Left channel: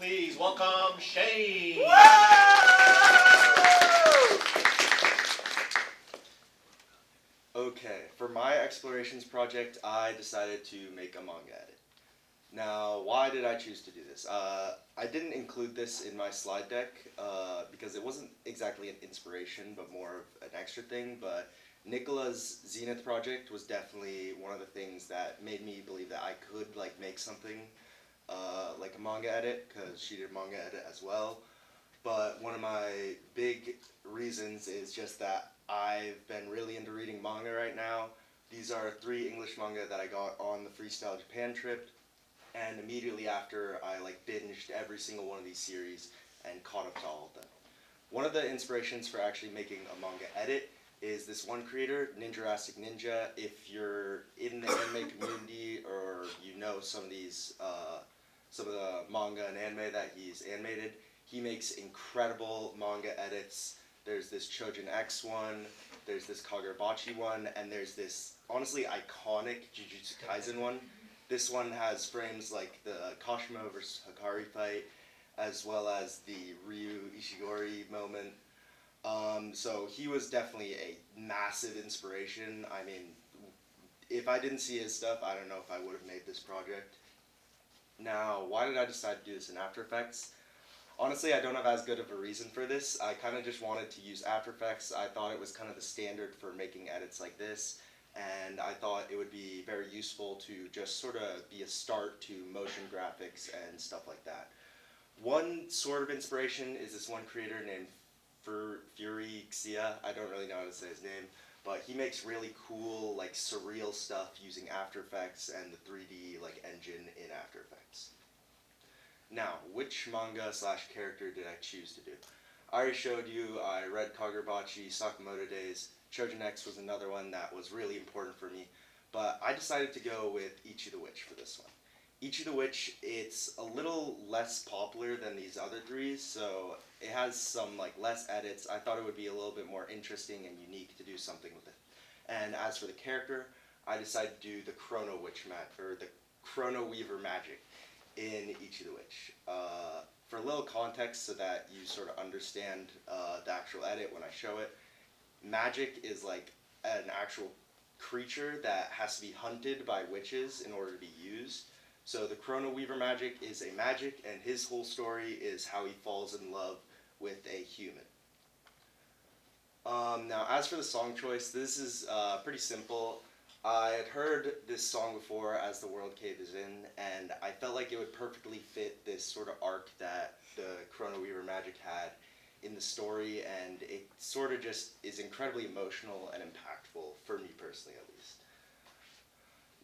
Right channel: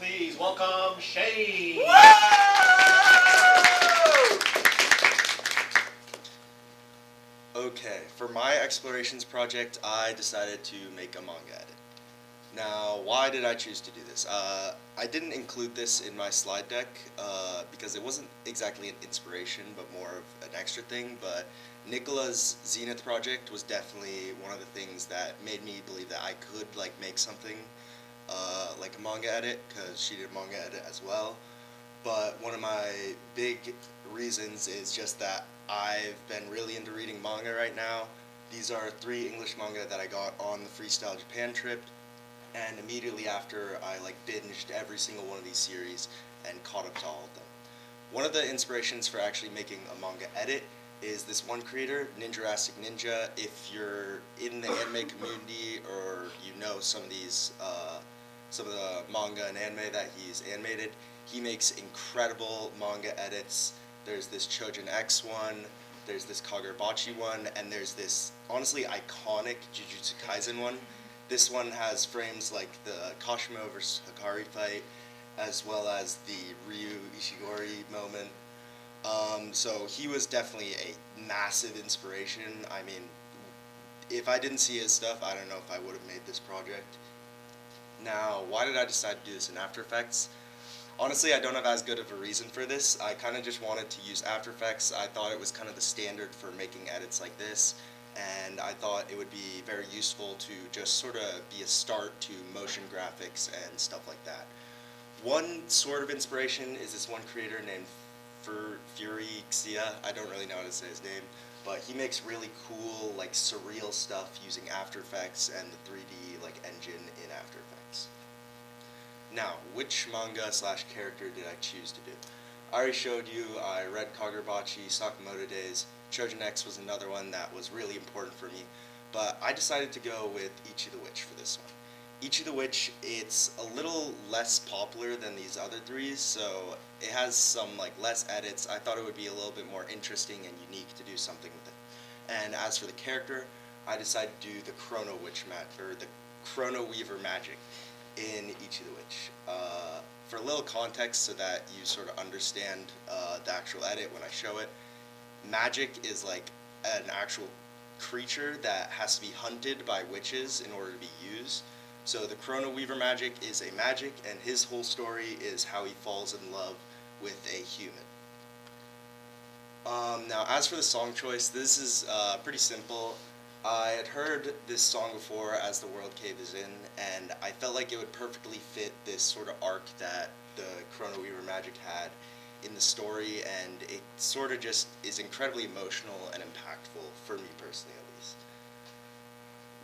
Please welcome Shane. Okay, for my explorations project, I decided to make a manga edit. Now, why did I choose to do this? I didn't include this in my slide deck because it wasn't exactly an inspiration, but more of an extra thing. But Nicola's Zenith project was definitely one of the things that made me believe that I could make something like a manga edit, because she did a manga edit as well. But one of my big reasons is just that I've been really into reading manga right now. These are 3 English manga that I got on the Freestyle Japan trip, and immediately after I binged every single one of these series and caught up to all of them. One of the inspirations for actually making a manga edit is this one creator, Ninjarastic Ninja. If you're in the anime community or you know some of these, some of the manga and anime that he's animated, he makes incredible manga edits. There's this Chojin X one, there's this Kagurabachi one, and there's this honestly iconic Jujutsu Kaisen one. This one has frames like the Kashimo vs. Hikari fight, as well as the Ryu Ishigori moment. So he was definitely a massive inspiration. I mean, if I didn't see his stuff, I don't know if I would have made this project. Now, why did I decide to do this in After Effects? Honestly, I don't have as good of a reason for this. I kind of just wanted to use After Effects. I thought it was kind of the standard for making edits like this, and I thought it would be very useful to just sort of be a start to motion graphics and stuff like that. One sort of inspiration is this one creator named Fury Xia. I don't really know how to say his name, but he makes really cool, surreal stuff using After Effects and the 3D engine in After Effects. Now, which manga / character did I choose to do? I already showed you, I read Kagurabachi, Sakamoto Days. Chojin X was another one that was really important for me, but I decided to go with Ichi the Witch for this one. Ichi the Witch, it's a little less popular than these other 3, so it has some less edits. I thought it would be a little bit more interesting and unique to do something with it. And as for the character, I decided to do the Chrono Weaver magic in Ichi the Witch. For a little context so that you sort of understand the actual edit when I show it, magic is an actual creature that has to be hunted by witches in order to be used. So the Chrono Weaver magic is a magic, and his whole story is how he falls in love with a human. Now, as for the song choice, this is pretty simple. I had heard this song before, As the World Caves In, and I felt like it would perfectly fit this sort of arc that the Chrono Weaver magic had in the story, and it sort of just is incredibly emotional and impactful, for me personally at least.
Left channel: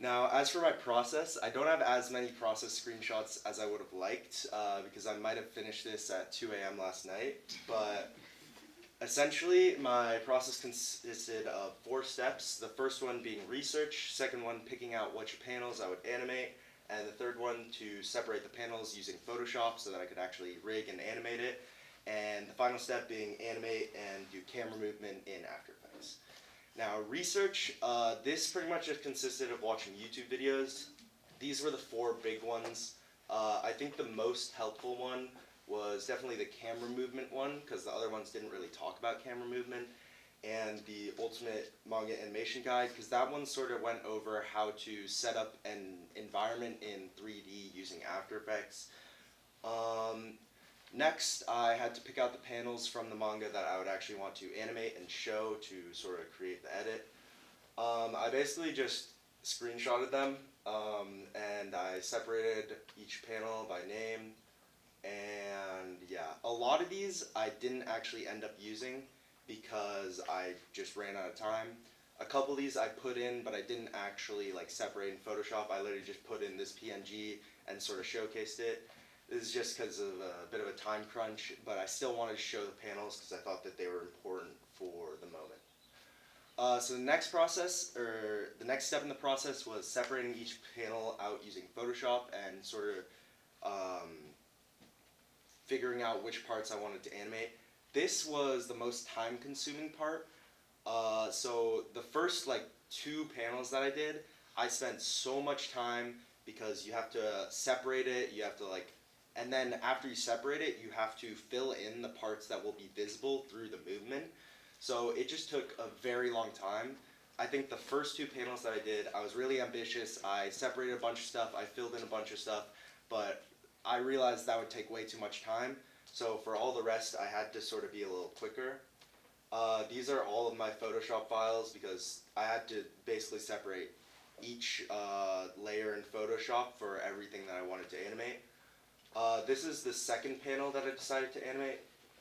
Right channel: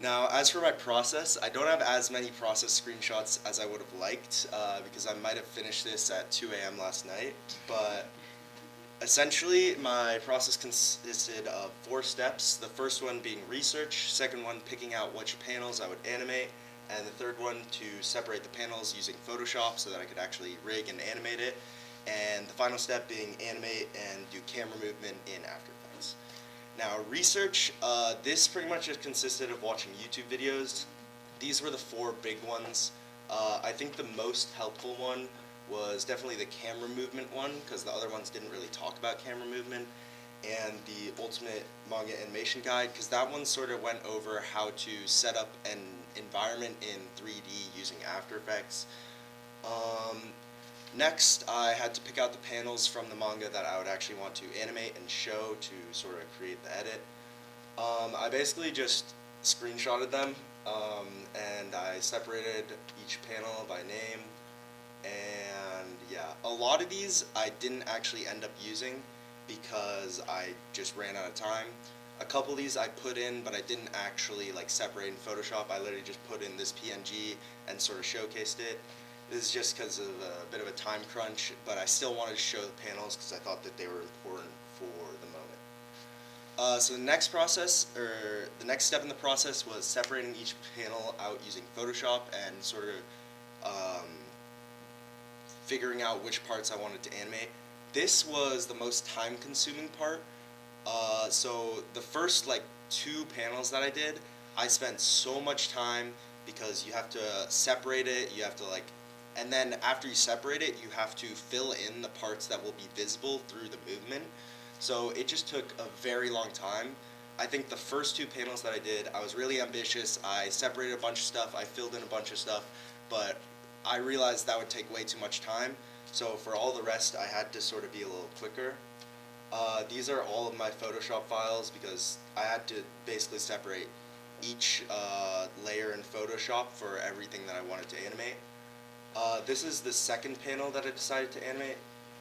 Now, as for my process, I don't have as many process screenshots as I would have liked, because I might have finished this at 2 a.m. last night, but essentially, my process consisted of 4 steps. The first one being research, second one picking out which panels I would animate, and the third one to separate the panels using Photoshop so that I could actually rig and animate it, and the final step being animate and do camera movement in After Effects. Now, research, this pretty much just consisted of watching YouTube videos. These were the 4 big ones. I think the most helpful one was definitely the camera movement one, because the other ones didn't really talk about camera movement, and the Ultimate Manga Animation Guide, because that one sort of went over how to set up an environment in 3D using After Effects. Next, I had to pick out the panels from the manga that I would actually want to animate and show to sort of create the edit. I basically just screenshotted them, and I separated each panel by name. And yeah, a lot of these I didn't actually end up using because I just ran out of time. A couple of these I put in, but I didn't actually separate in Photoshop. I literally just put in this PNG and sort of showcased it. This is just because of a bit of a time crunch, but I still wanted to show the panels because I thought that they were important for the moment. So the next step in the process was separating each panel out using Photoshop and sort of figuring out which parts I wanted to animate. This was the most time-consuming part. So the first 2 panels that I did, I spent so much time because you have to separate it, you have to and then after you separate it, you have to fill in the parts that will be visible through the movement. So it just took a very long time. I think the first two panels that I did, I was really ambitious. I separated a bunch of stuff, I filled in a bunch of stuff, but I realized that would take way too much time. So for all the rest, I had to sort of be a little quicker. These are all of my Photoshop files because I had to basically separate each layer in Photoshop for everything that I wanted to animate. This is the second panel that I decided to animate.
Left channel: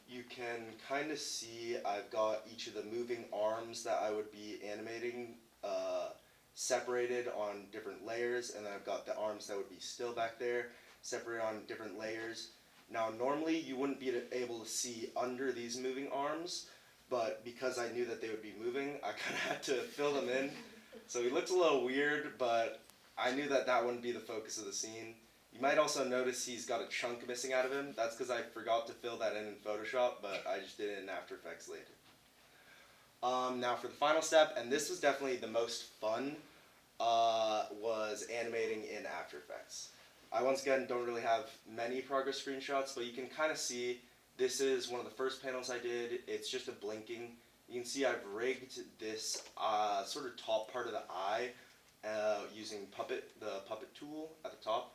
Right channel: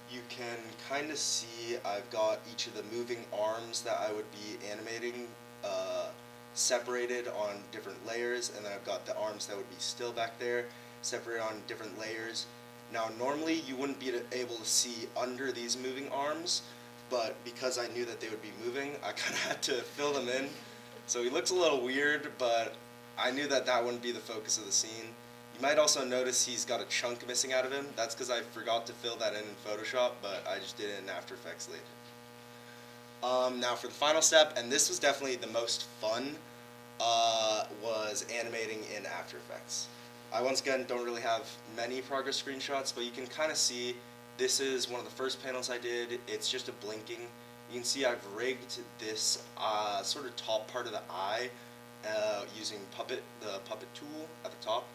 You can kind of see I've got each of the moving arms that I would be animating separated on different layers, and then I've got the arms that would be still back there separated on different layers. Now normally you wouldn't be able to see under these moving arms, but because I knew that they would be moving, I kind of had to fill them in. So he looks a little weird, but I knew that that wouldn't be the focus of the scene. You might also notice he's got a chunk missing out of him. That's because I forgot to fill that in Photoshop, but I just did it in After Effects later. Now for the final step, and this was definitely the most fun, was animating in After Effects. I once again don't really have many progress screenshots, but you can kind of see this is one of the first panels I did. It's just a blinking. You can see I've rigged this sort of top part of the eye using the puppet tool at the top.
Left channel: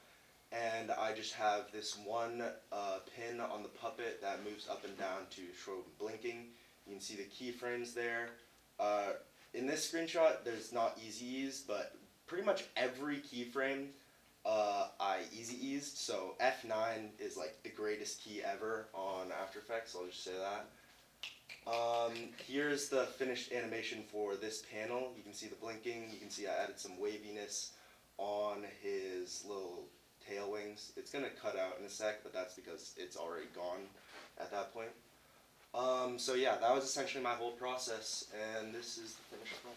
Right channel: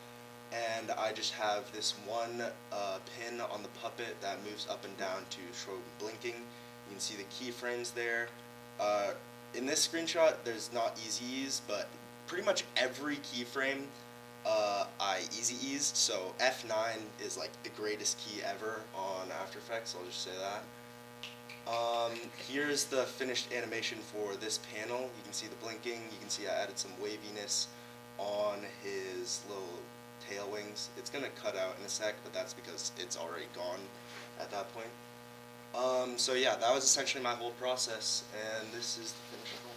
And I just have this one pin on the puppet that moves up and down to show blinking. You can see the keyframes there. In this screenshot, there's not easy ease, but pretty much every keyframe I easy eased. So F9 is like the greatest key ever on After Effects, I'll just say that. Here's the finished animation for this panel. You can see the blinking, you can see I added some waviness on his little tail wings. It's going to cut out in a sec, but that's because it's already gone at that point. So yeah, that was essentially my whole process, and this is the finished product.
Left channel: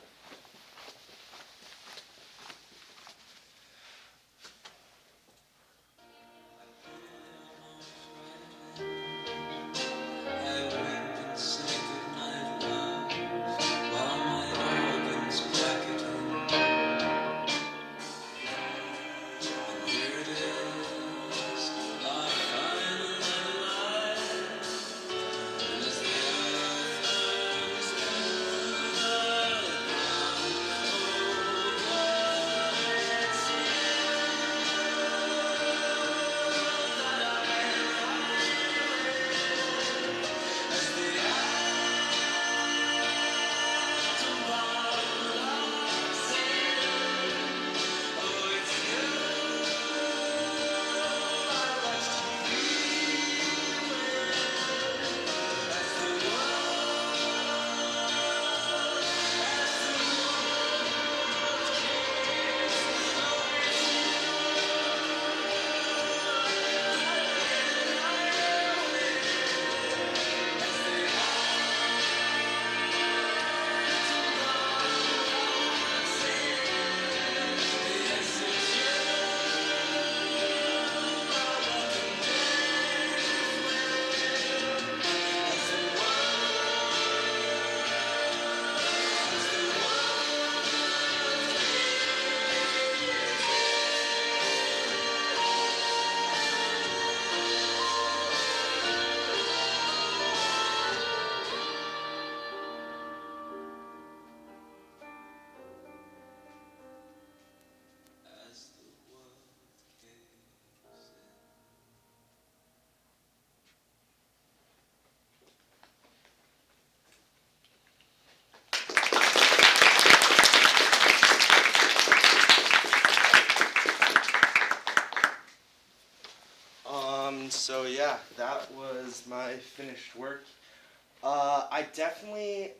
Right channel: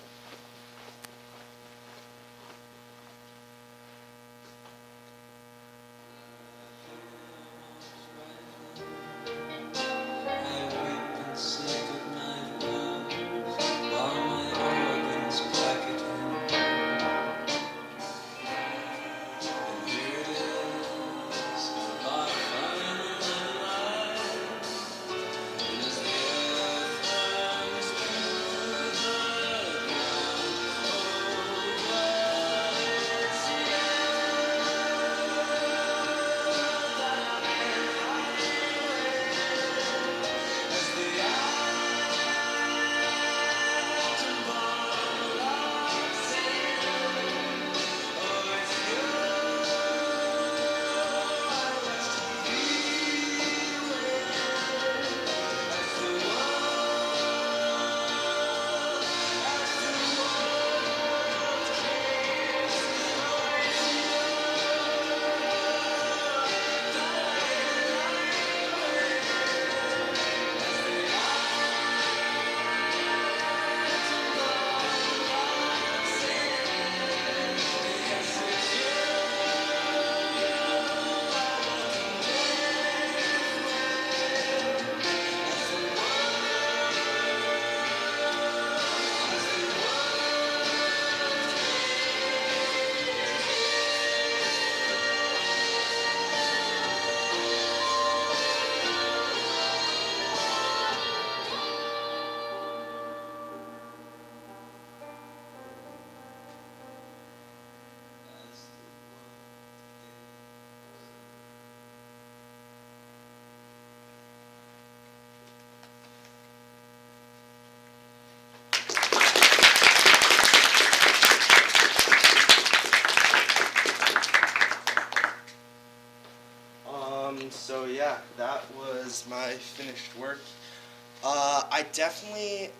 So yeah, that was my finished work.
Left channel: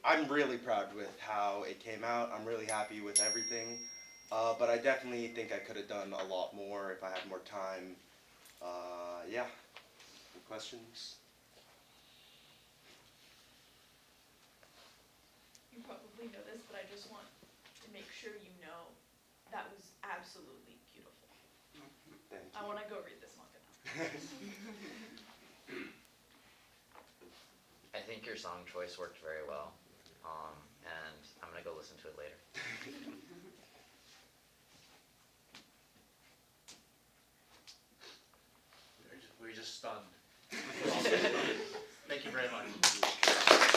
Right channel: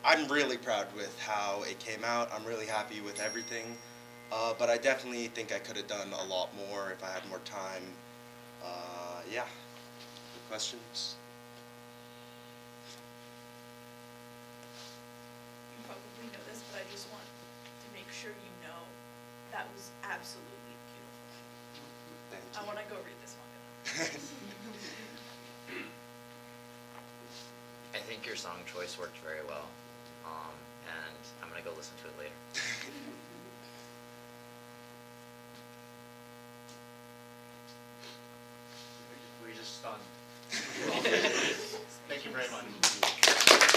I'm really proud with how it came out. I'm really happy with everything. But I definitely think I could have done a lot more if I had more time. Yeah. Any questions? You probably know this, but I just want to make sure you know that was absolutely beautiful. Thank you. I want to go read this manga. I think your song choice worked very well, and I'm gonna go listen to it later. Were you stunned. Thank you very much.